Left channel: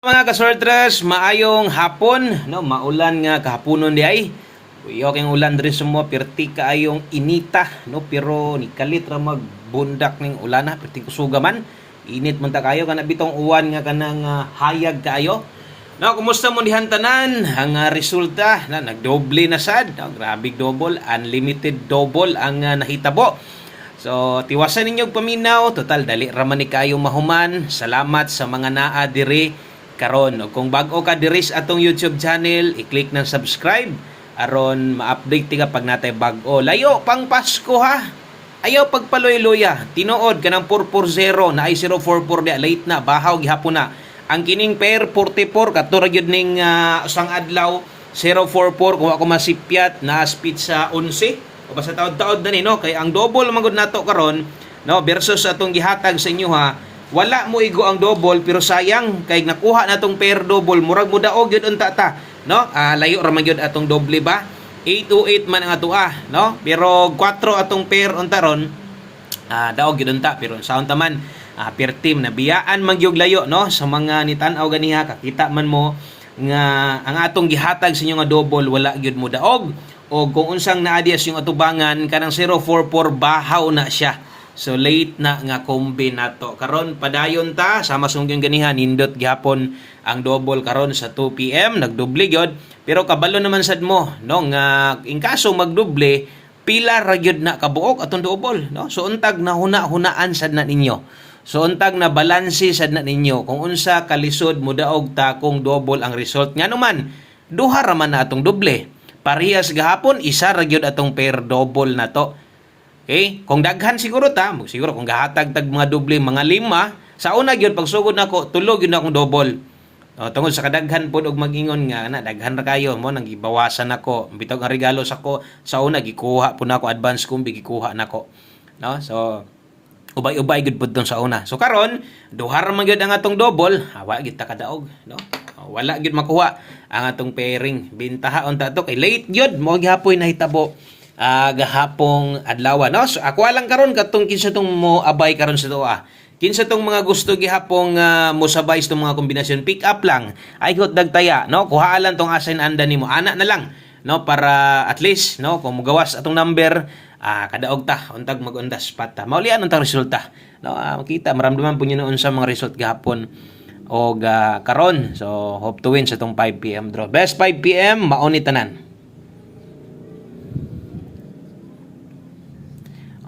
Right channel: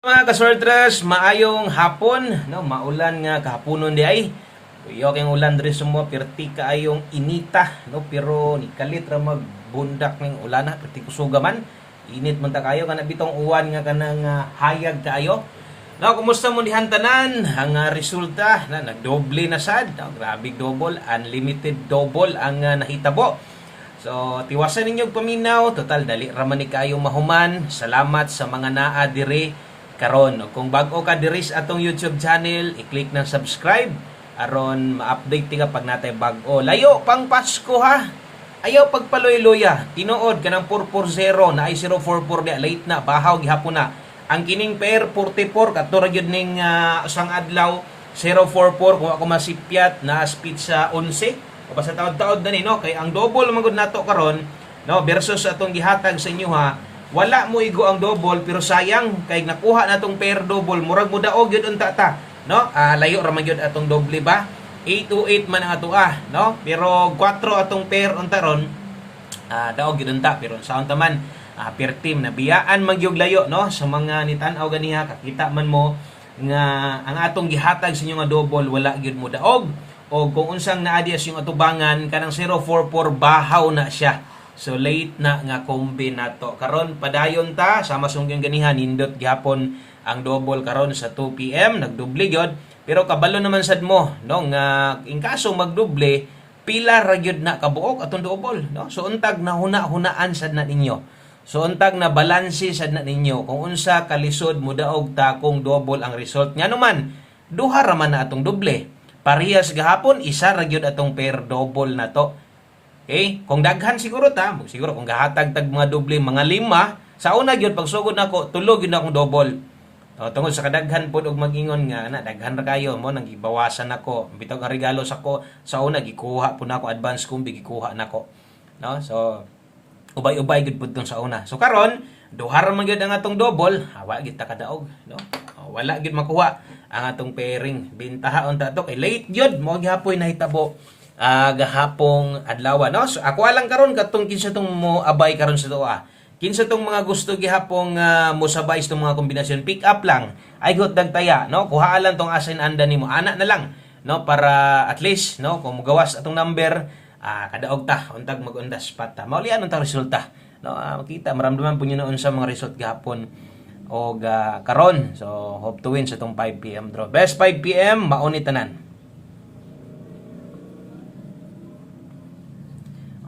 Mga kasorters, maayong hapon, no, maulan nga kahaponon di ay. Kuyo kay ulan diri sumo perti kaayong inita, no, pero ni kalit ra magbundak ning ulan na perti kusuga man. Init man ta kayo kana bitong uwan nga kanang hayag kaayo. No, kumusta mo dihan tanan? Ang resulta na nagdoble na sad, no, grabe double, unlimited double ang nahitabo. So, tiwasan ninyo paminaw, total dali ra man ni kayo mahuman. Salamat sa mga naa diri karon. O kung bago ka diri sa atong YouTube channel, i-click ng subscribe aron ma-update ti ka pag natay bago. Layo pang Pasko ha. Ayaw pagpaloy-loya. Tinuod kanang 440 na ay 044 dia late na bahaw gihapon na. Ang kining pair 44 katura gyud ning usang adlaw 044 kung ako masipyat na speed sa 11 o basta taod-taod na ni no kay ang double magud nato karon no versus atong gihatag sa inyo ha. Wala mo igo ang double pero sayang kay nakuha natong pair double murag mo daog gyud unta ta no layo ra man gyud atong doble ba 828 man ang ato no pero 4 atong pair unta ron daog gyud unta pero sa unta man per team na biyaan man gyud layo no sa mga nitan-aw ganiha kakita man mo nga ang atong gihatag sa inyo nga double wala gyud mo daog o kung unsang naadias yung atubangan kanang 044 bahaw na siya. So late na nga kombi nato. Karon padayon ta sama sungyong ganihan nindot gyapon ang double karon sa 2 PM nagdoble gyud pero kabalo naman sad mo no nga in kaso magdoble pila ra gyud na kabuok atong double no. So untag na hunaan sad na ninyo. So untag na balanse sad na ninyo kung unsa kalisod mo daog ta kung double ang result nga naman duha ra man na atong doble. Parehas gahapon isa ra gyud atong pair double na to. Okay? Kung daghan siguro ta, siguro kung gahatag tag mga doble mga 5, sa una gyud pagsugod nako tulo gyud na akong double. Tungod sa kadaghan pod og magingon nga na daghan ra kayo mo nang gibawasan nako. Bitog ang regalo sa ko sa una gikuha po nako advance kumbi gikuha nako. No? So ubay-ubay gyud pud sa una. So karon duha ra man gyud ang atong double, hawa gyud ta kadaog, no? Wala gyud makuha ang atong pairing. Bintahaon ta to kay late gyud mo gihapoy nahitabo gahapong adlaw no. So ako lang karon katong kinsa tong mo abay karon sa tuwa. Kinsa tong mga gusto gihapong mosabay sa mga kombinasyon pick up lang. Ay got dagtaya no. Kuha lang tong asin anda nimo. Ana na lang no para at least no kung mogawas atong number kadaog ta untag magundas pata. Maulian untang resulta. No, makita maramdaman po niyo noon sa mga result gahapon o karon. So hope to win sa tong 5 PM draw. Best 5 PM mauni tanan.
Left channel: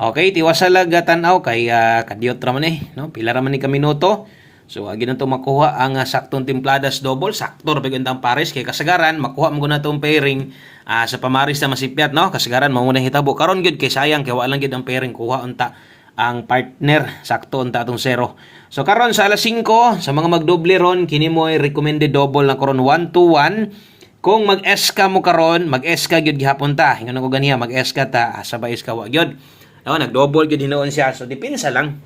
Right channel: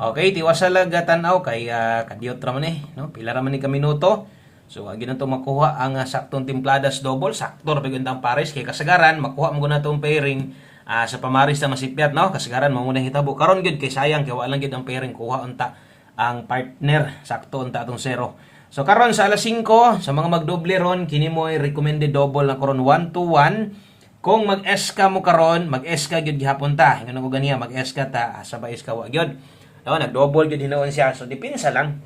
Okay, tiwasala tanaw kay kadiyot ra man no? Pila ra man ni ka minuto. So agi na to makuha ang saktong timpladas double, sakto ra pagundang pares kay kasagaran makuha mo na tong pairing sa pamaris na masipyat no. Kasagaran mao na hitabo karon gyud kay sayang kay wala lang gyud ang pairing kuha unta ang partner sakto unta atong 0. So karon sa alas 5 sa mga magdoble ron kini mo ay recommended double na karon 1 to 1. Kung mag-SK mo karon, mag-SK gyud gihapon ta. Ingon ko ganiya mag-SK ta sabay SK wa gyud. No, nag-double gyud hinoon siya. So dipinsa lang.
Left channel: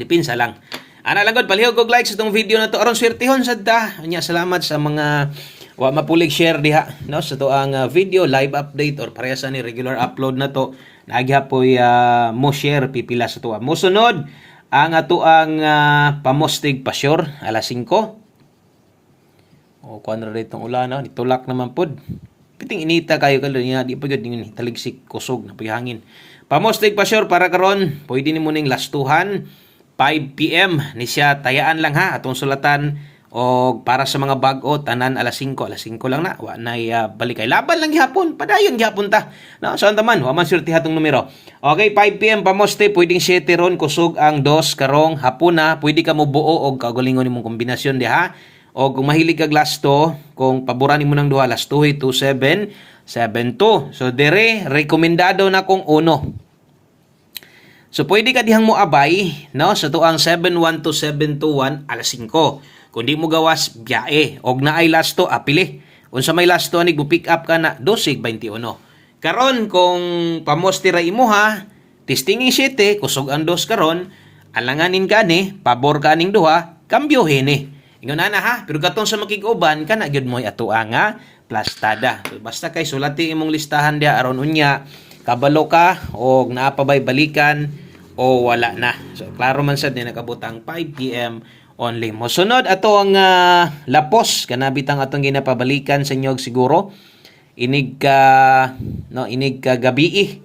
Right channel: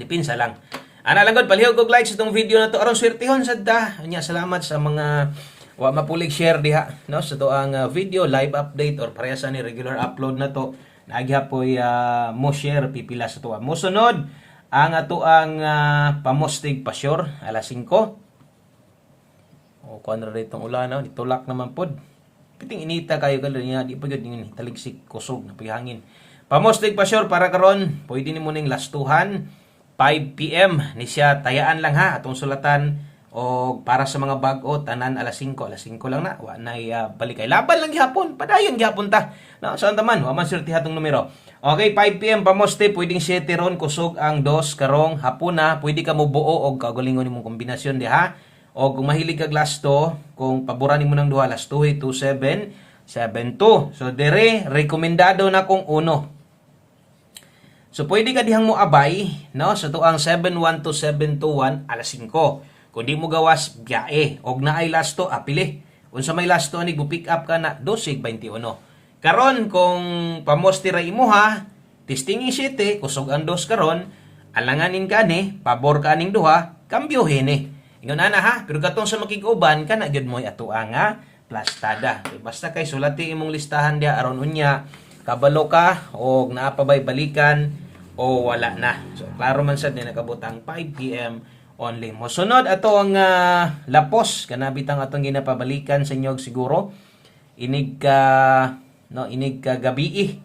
Dipinsa lang. Ana lang gud palihog og like sa tong video na to aron swertehon sad ta. Anya salamat sa mga wa mapulig share diha no sa to ang video live update or parehas ni regular upload na to. Nagyapoy mo share pipila sa tuwa. Mo sunod ang ato ang pamostig pasyor alas 5. O kuan ra ditong ulan no, nitulak naman pod. Piting inita kayo kalo niya di pa gyud ni taligsik kusog na hangin. Pamostig pasyor para karon, pwede ni mo ning lastuhan 5 PM ni siya tayaan lang ha atong sulatan o para sa mga bag-o tanan alas 5 lang na wa nay balik kay laban lang gihapon padayon gihapon ta no saan taman wa man sulti hatong numero. Okay, 5 PM pamoste pwedeng 7 ron kusog ang 2 karong hapon na pwede ka mo buo og kaugalingon nimong kombinasyon diha o kung mahilig kag lasto kung paboran nimo ng duha lasto 27 7-2. So, dire, rekomendado na kong 1. So, pwede ka dihang mo abay, no? So, ito ang 7-1 to 7-2-1, alas 5. Kung di mo gawas, biyae. Og na ay lasto, apili. Kung sa may lasto, anig mo pick up ka na, 12-21. Karon, kung pamostira imo ha, testingin 7, kusog ang 2 karon, alanganin ka ni, pabor ka aning duha, kambyohin Ingon na ha, pero katong sa makiguban, ka na gyud mo atua nga, plastada. Basta kay sulati imong listahan dia aron unya kabalo ka o naapabay balikan o wala na. So klaro man sad ni nakabutang 5 PM only. Mosunod ato ang lapos kanabitang atong ginapabalikan sa inyo siguro inig ka gabi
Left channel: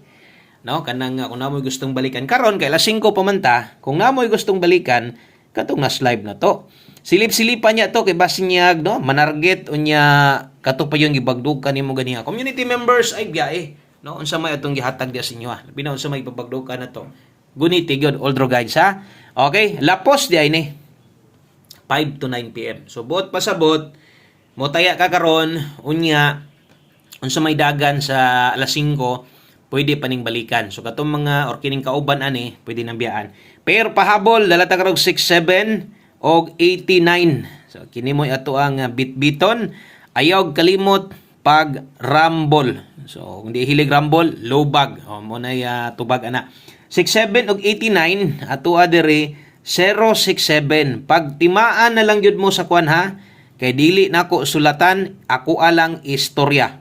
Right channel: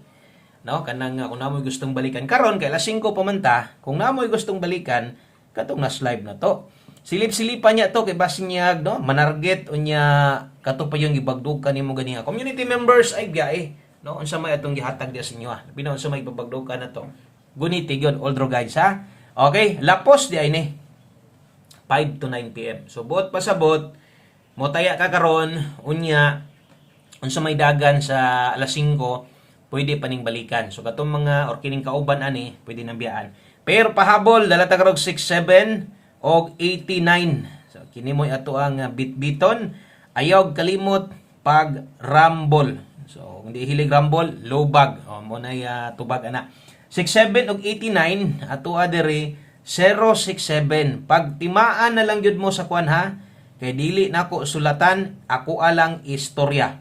no kanang kung namoy gustong balikan karon kay alas 5 pa man ta, kung namoy gustong balikan katong nas live na to. Silip-silipan niya to kay basinyag no manarget unya kato pa yung gibagdukan nimo ganiha community members ay biyae no unsa may atong gihatag dia sa inyo binaw unsa may pabagdukan na to guniti gyud all guys ha. Okay, lapos di ay ni 5 to 9 PM. So buot pasabot mo taya ka karon unya unsa may dagan sa alas 5 pwede pa ning balikan. So katong mga or kining kauban ani pwede nang biyaan. Pero pahabol dala ta karog 67 og 89. So kini mo ato ang bitbiton. Ayaw kalimot pag rumble. So kung di hilig rumble, low bag. O mo na tubag ana. 67 og 89 ato adere 067. Pag timaan na lang jud mo sa kwan ha. Kay dili nako sulatan, ako alang istorya.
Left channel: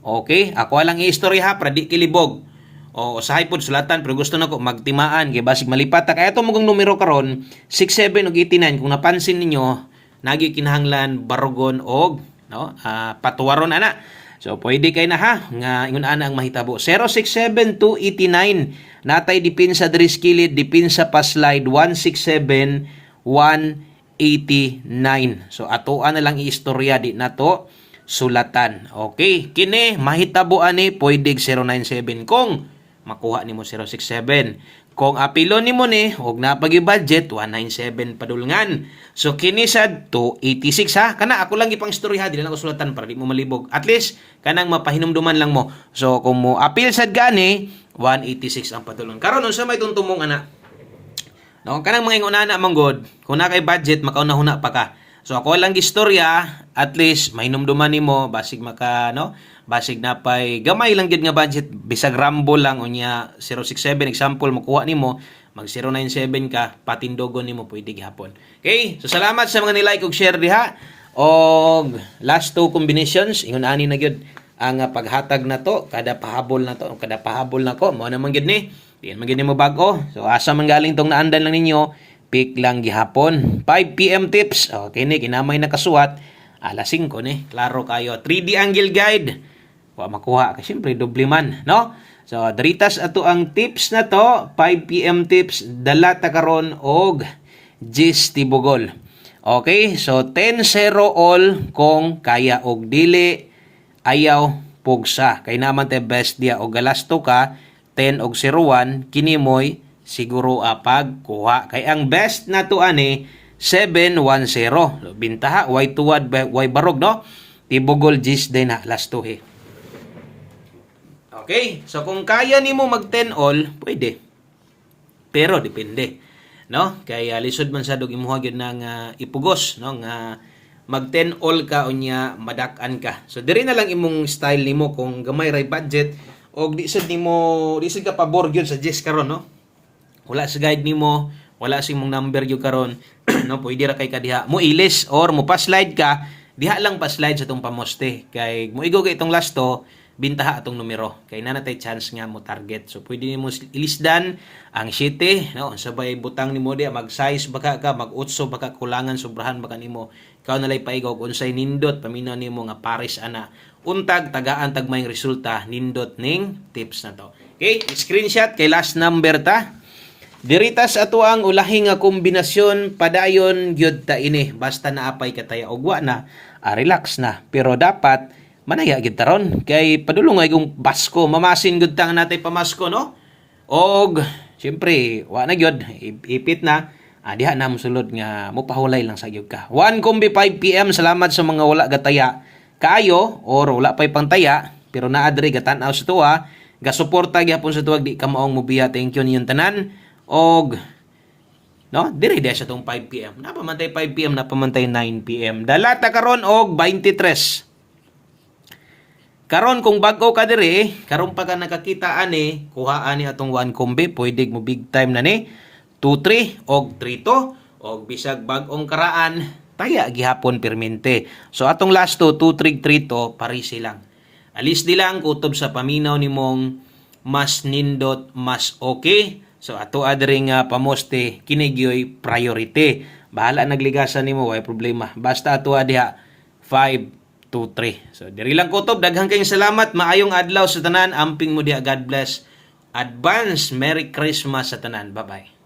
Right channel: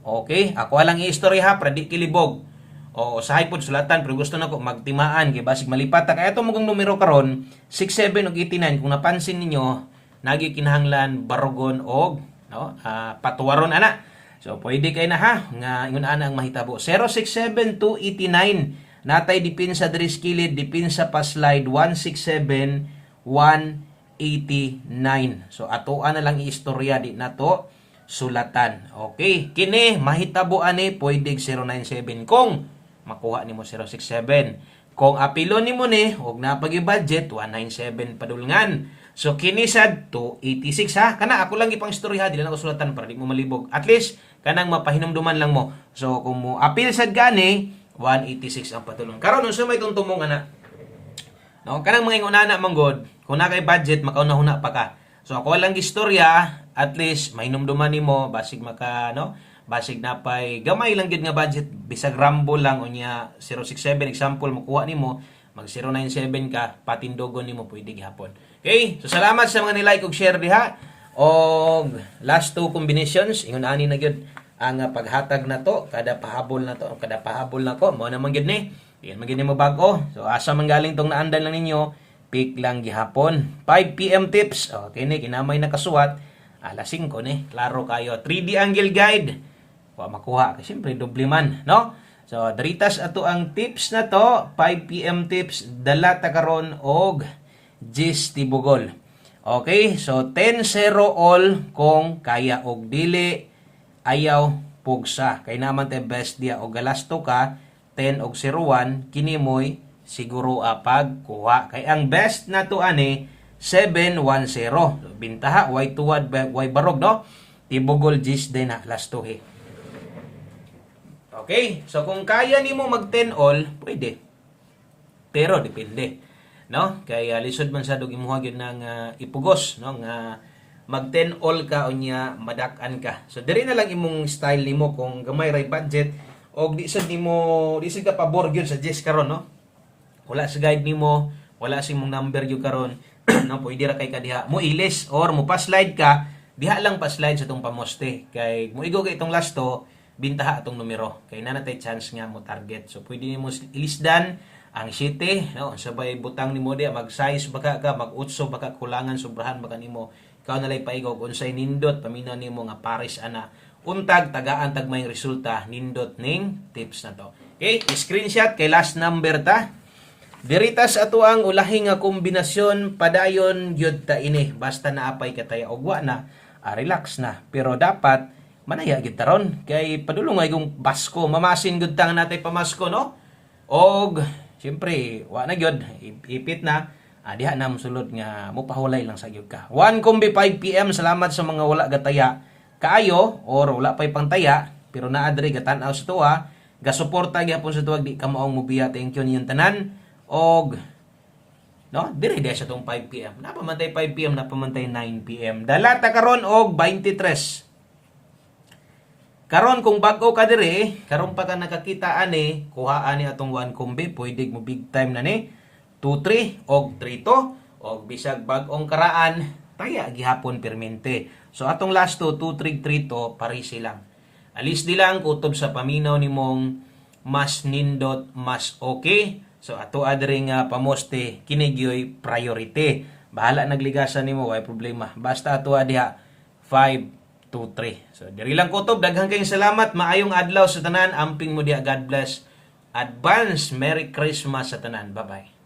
Okay? Ako alang istorya ha, para di kilibog. O usahay pod sulatan pero gusto nako magtimaan kay basig malipat ta kay ato mong numero karon 67 ug 89 kung napansin ninyo nagi kinahanglan barugon og no patuwaron ana. So pwede kay na ha nga ingon ana ang mahitabo 067 to 89 natay dipinsa diri skilid dipinsa pa slide 167 189. So atoan na lang iistorya di nato sulatan. Okay, kini mahitabo ani pwede 097 kung makuha nimo 067. Kung apilo nimo ni og napagi budget 197 padulngan. So kini sad 286 ha. Kana ako lang ipang istorya dili na ko sulatan para di mo malibog. At least kanang mapahinumduman lang mo. So kung mo apil sad gani 186 ang padulngan. Karon unsa may tuntumong ana? No, kanang mga ingonana manggod, kung na kay budget makauna-huna pa ka. So ako lang istorya, at least mahinumduman nimo basig maka no, basig napay gamay lang gid nga budget bisag rambo lang unya 067 example makuha nimo mag 097 ka patindogon nimo pwede gihapon. Okay? So salamat sa mga nilike ug share diha. Og last two combinations ingon ani na gyud ang paghatag na to kada pahabol na to kada pahabol na ko mao na man gyud ni. Diyan man gyud mo bag-o. So asa man galing tong naandan lang ninyo pick lang gihapon. 5 PM tips. Okay ni kinamay nakasuwat alas 5 ni. Klaro kayo. 3D angle guide. Wa makuha kasi syempre doble man, no? So diritas ato ang tips na to, 5 PM tips dala ta karon og gis tibugol. Okay? So 10-0 all kung kaya og dili ayaw pugsa. Kay naman te best dia og galasto ka 10 og 01 kini moy siguro pagkuha. Kay ang best na to ani 710. Bintaha way tuwad way barog no. Tibugol gis din na last to he. Okay? So kung kaya nimo mag 10 all, pwede. Pero depende, no? Kaya lisod man sa dog imuha gyud nang ipugos, no? Nga mag 10 all ka unya madak-an ka. So diri na lang imong style nimo kung gamay ray budget og di sad ka pabor gyud sa gis karon, no? Wala sa guide nimo, wala sa imong number gyud karon, no? Pwede ra kay kadiha mo ilis or mo pa-slide ka, diha lang pa-slide sa tong pamoste. Kay mo igo kay itong last to, bintaha atong numero. Kay na natay chance nga mo target. So pwede nimo ilisdan ang 7, no? Sabay butang nimo dia mag-size baka ka, mag-utso baka kulangan sobrahan baka nimo. Ikaw nalay paigaw kung unsay nindot paminaw nimo nga pares ana. Untag tagaan tag may resulta nindot ning tips na to. Okay, screenshot kay last number ta. Diritas ato ang ulahi nga kombinasyon padayon gyud ta ini basta naapay kataya og wa na relax na pero dapat manaya gid taron kay padulong ay kung Pasko mamasin gud tang natay pamasko no og syempre wa na gyud ipit na diha na mosulod nga mopahulay lang sa gyud ka 1 kombi 5 PM. Salamat sa mga wala gataya kaayo or wala pay pantaya pero naa diri gatan-aw sa tuwa gasuporta gyapon sa tuwag di ka maong mobiya. Thank you niyong tanan og no diri dia sa tong 5 PM napamantay 5 PM napamantay 9 PM dala ta karon og 23. Karon kung bag-o ka diri, karon pa ka nakakita ani, kuha ani atong 1 kombi, pwede mo big time na ni 2-3 og 3-2 og bisag bag-ong karaan, taya gihapon permente. So atong last to 2-3-3-2 parisi lang. Alis di lang kutob sa paminaw nimong mas nindot mas okay. So ato adiri nga pamoste kinigyoy priority. bahala nagligasan nimo, way problema. Basta ato diha 5 to 3. So diri lang kutob, daghang kayong salamat, maayong adlaw sa tanan, amping mo diha, God bless. Advance Merry Christmas sa tanan. Bye-bye.